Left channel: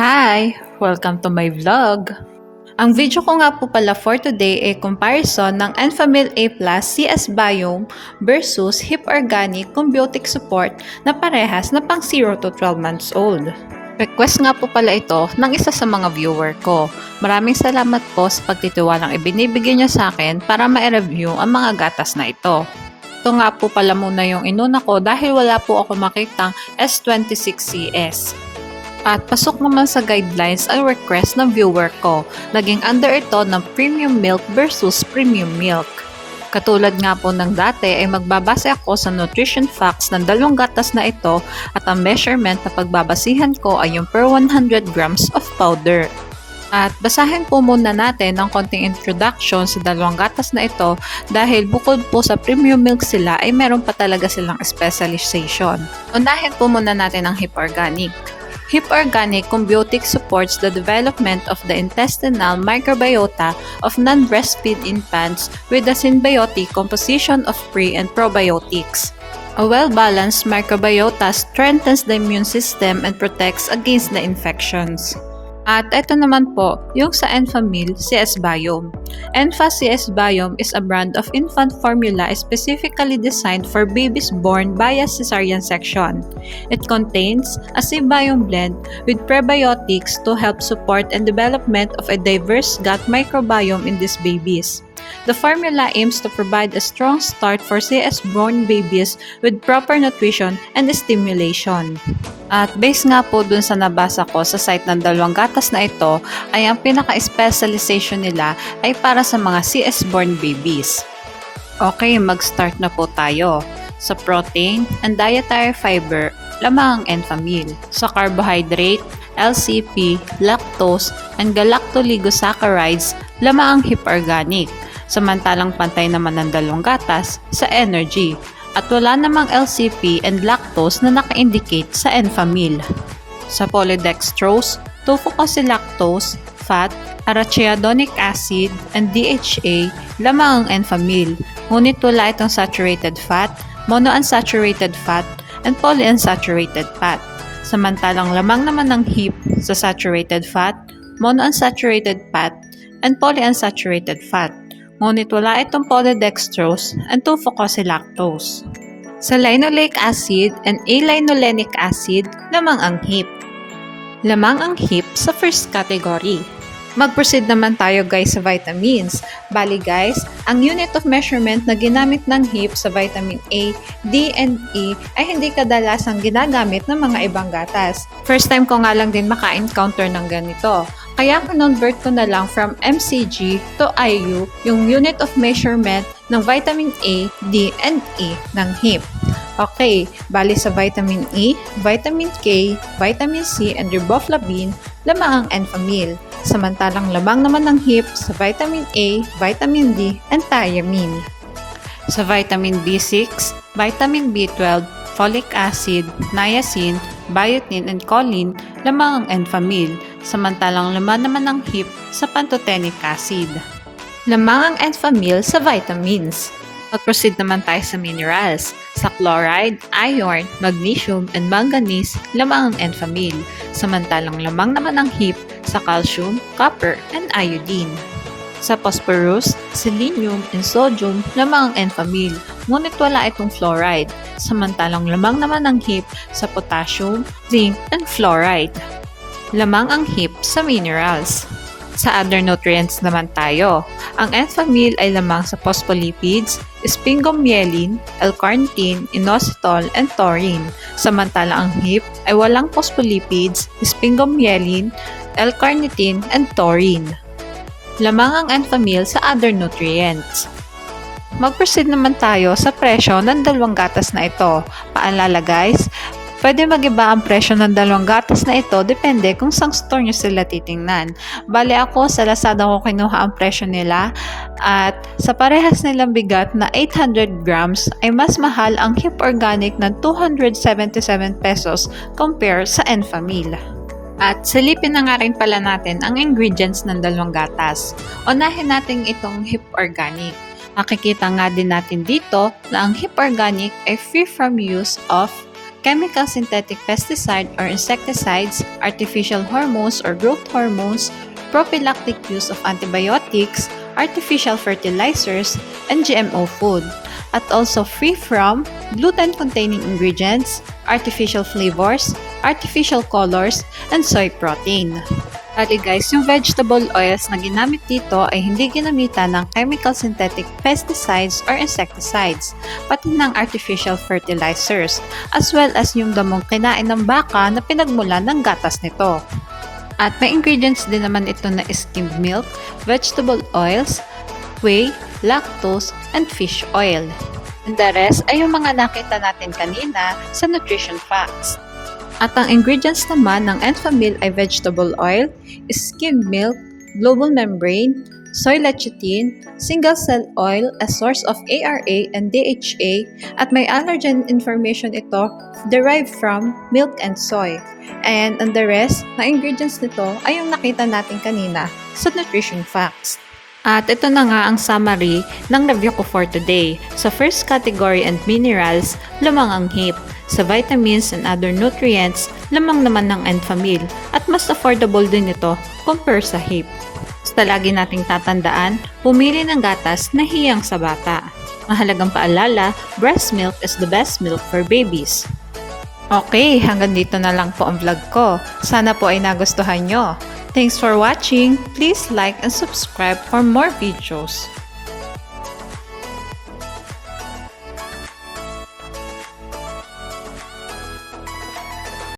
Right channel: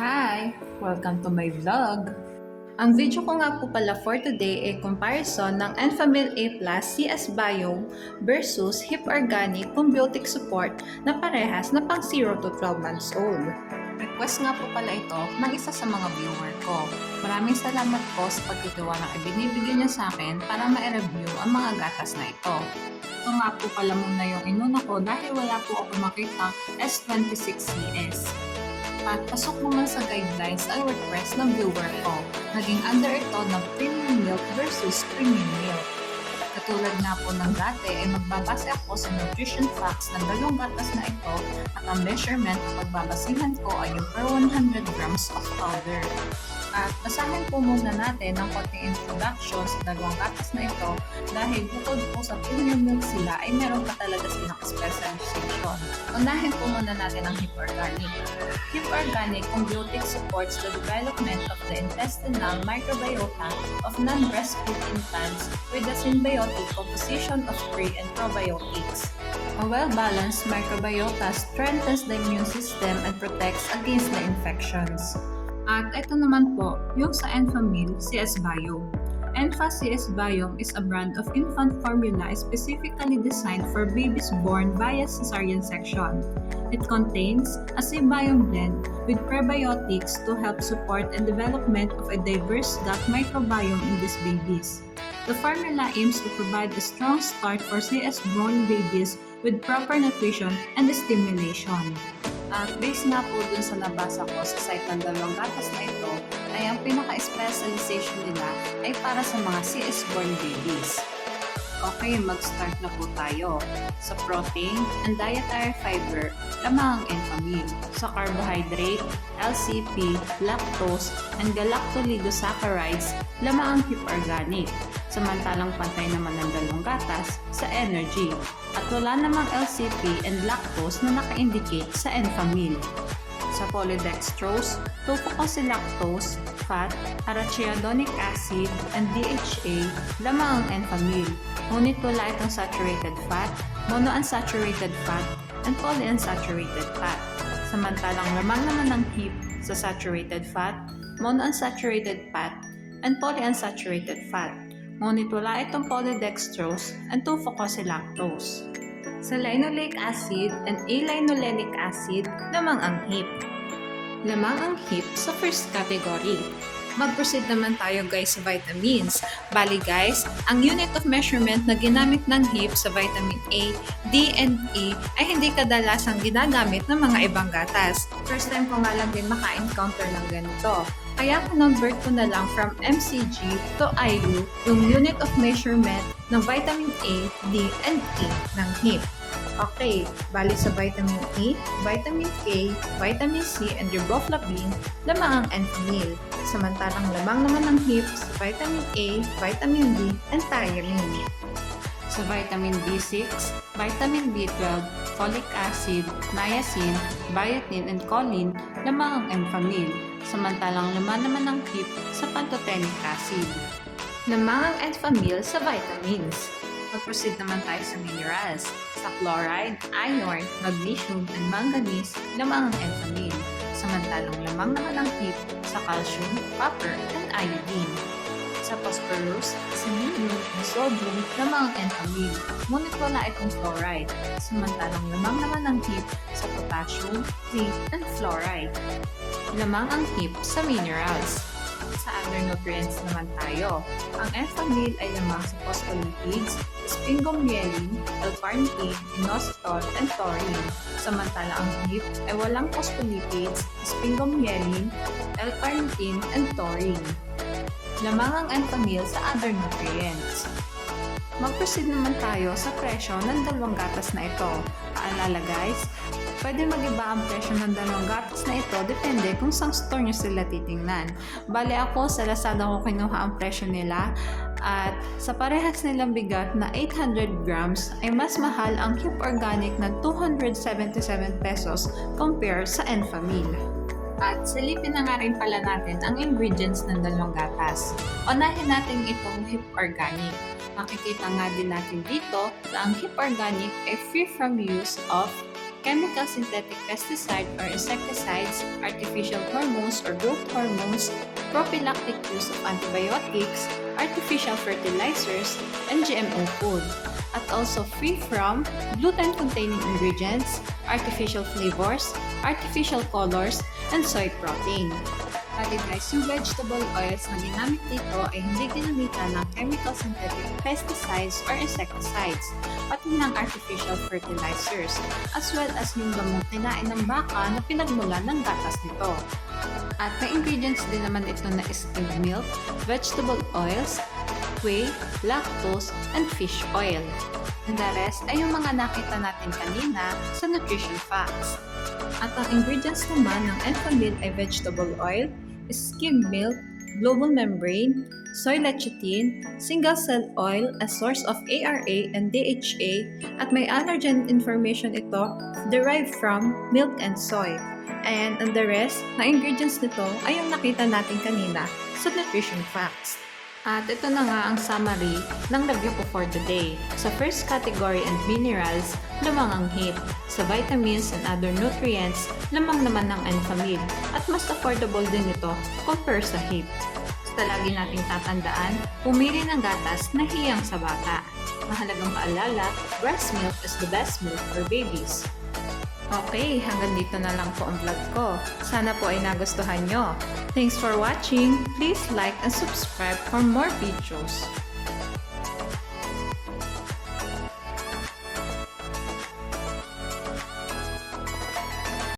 Hi! Welcome to my vlog! Ang video ko nga po pala for today ay comparison ng Enfamil A+ CS Biome versus Hip Organic Combiotic Support na parehas na pang 0 to 12 months old. Request nga po pala ito ng isa sa mga viewer ko. Maraming salamat po sa pagtitiwalang ibinibigay niya sa akin para ma-review ang mga gatas na ito. Ito nga po pala muna yung inuna ko dahil wala po ako makitang S26CS. At pasok naman sa guidelines ang request ng viewer ko. Naging under ito ng premium milk versus premium milk. Katulad nga po ng dati ay magbabase ako sa nutrition facts ng dalawang gatas na ito at ang measurement na pagbabasihan ko ay yung per 100 grams of powder. At basahin po muna natin ang konting introduction sa dalawang gatas na ito dahil bukod po sa premium milk sila ay meron pa talaga silang specialization. Unahin po muna natin ang Hip Organic. Hip Organic Combiotic supports the development of the intestinal microbiota of non-breastfeed infants with a symbiotic composition of pre and probiotics. A well-balanced microbiota strengthens the immune system and protects against the infections. At ito naman po, yung sa Enfamil CS Biome. Enfa CS Biome is a brand of infant formula specifically designed for babies born via cesarean section. It contains a C-Biome blend with prebiotics to help support and development of a diverse gut microbiome in these babies. The formula aims to provide a strong start for CS-born babies with proper nutrition and stimulation. At based nga po dun sa nabasa ko sa site ng dalawang gatas na ito, ay ang pinaka-specialization nila ay para sa mga CS-born babies. Okay, mag-start na po tayo. Sa protein and dietary fiber, lamang ang Enfamil. Sa carbohydrate, LCP, lactose, and galactoligosaccharides, lamang ang Hip Organic. Samantalang pantay naman ng dalawang gatas sa energy. At wala namang LCP and lactose na naka-indicate sa Enfamil. Sa polydextrose, 2-fucosylactose, fat, arachidonic acid, and DHA, lamang ang Enfamil. Ngunit wala itong saturated fat, monounsaturated fat, and polyunsaturated fat. Samantalang lamang naman ng HIP sa saturated fat, monounsaturated fat, and polyunsaturated fat. Ngunit wala itong polydextrose and 2-fucosylactose. Sa linoleic acid and A-linolenic acid, lamang ang HIP. Lamang ang HIP sa first category. Mag-proceed naman tayo guys sa vitamins. Bali guys, ang unit of measurement na ginamit ng HIP sa vitamin A, D, and E ay hindi kadalasang ginagamit ng mga ibang gatas. First time ko nga lang din maka-encounter ng ganito. Kaya convert ko na lang from mcg to IU yung unit of measurement ng vitamin A, D, and E ng HIP. Okay, bali sa vitamin E, vitamin K, vitamin C, and riboflavin, lamang ang Enfamil. Samantalang lamang naman ng HIP sa vitamin A, vitamin D, and thiamine. Sa vitamin B6, vitamin B12, folic acid, niacin, biotin, and choline, lamang ang Enfamil. Samantalang laman naman ng HIP sa pantothenic acid. Lamang ang Enfamil sa vitamins. Mag-proceed naman tayo sa minerals. Sa chloride, iron, magnesium, and manganese, lamang ang Enfamil. Samantalang lamang naman ng HIP sa calcium, copper, and iodine. Sa phosphorus, selenium, and sodium, lamang ang Enfamil. Ngunit wala itong fluoride. Samantalang lamang naman ng HIP sa potassium, zinc, and fluoride. Lamang ang HIP sa minerals. Sa other nutrients naman tayo. Ang Enfamil ay lamang sa phospholipids, sphingomyelin, L-carnitine, inositol, and taurine. Samantala ang HIP ay walang phospholipids, sphingomyelin, L-carnitine, and taurine. Lamang ang Enfamil sa other nutrients. Mag-proceed naman tayo sa presyo ng dalawang gatas na ito. Paalala guys, pwede mag-iba ang presyo ng dalawang gatas na ito depende kung saan store nyo sila titingnan. Bale ako sa Lazada ko kinuha ang presyo nila at sa parehas nilang bigat na 800 grams ay mas mahal ang Hip Organic ng 277 pesos compare sa Enfamil. At silipin na nga rin pala natin ang ingredients ng dalawang gatas. Unahin natin itong Hip Organic. Makikita nga din natin dito na ang Hip Organic ay free from use of chemical synthetic pesticide or insecticides, artificial hormones or growth hormones, prophylactic use of antibiotics, artificial fertilizers, and GMO food. At also free from gluten-containing ingredients, artificial flavors, artificial colors, and soy protein. Bali guys, yung vegetable oils na ginamit dito ay hindi ginamitan ng chemical synthetic pesticides or insecticides, pati ng artificial fertilizers, as well as yung damong kinain ng baka na pinagmula ng gatas nito. At may ingredients din naman ito na skimmed milk, vegetable oils, whey, lactose, and fish oil. And the rest ay yung mga nakita natin kanina sa nutrition facts. At ang ingredients naman ng Enfamil ay vegetable oil, skimmed milk, global membrane, soy lecithin, single cell oil, a source of ARA and DHA, at may allergen information ito derived from milk and soy. And the rest na ingredients nito ay yung nakita natin kanina sa nutrition facts. At ito na nga ang summary ng review ko for today. Sa first category and minerals, lamang ang hip. Sa vitamins and other nutrients, lamang naman ng Enfamil. At mas affordable din ito compare sa hip. Basta lagi nating tatandaan, pumili ng gatas na hiyang sa bata. Mahalagang paalala, breast milk is the best milk for babies. Okay, hanggang dito na lang po ang vlog ko. Sana po ay nagustuhan nyo. Thanks for watching. Please like and subscribe for more videos.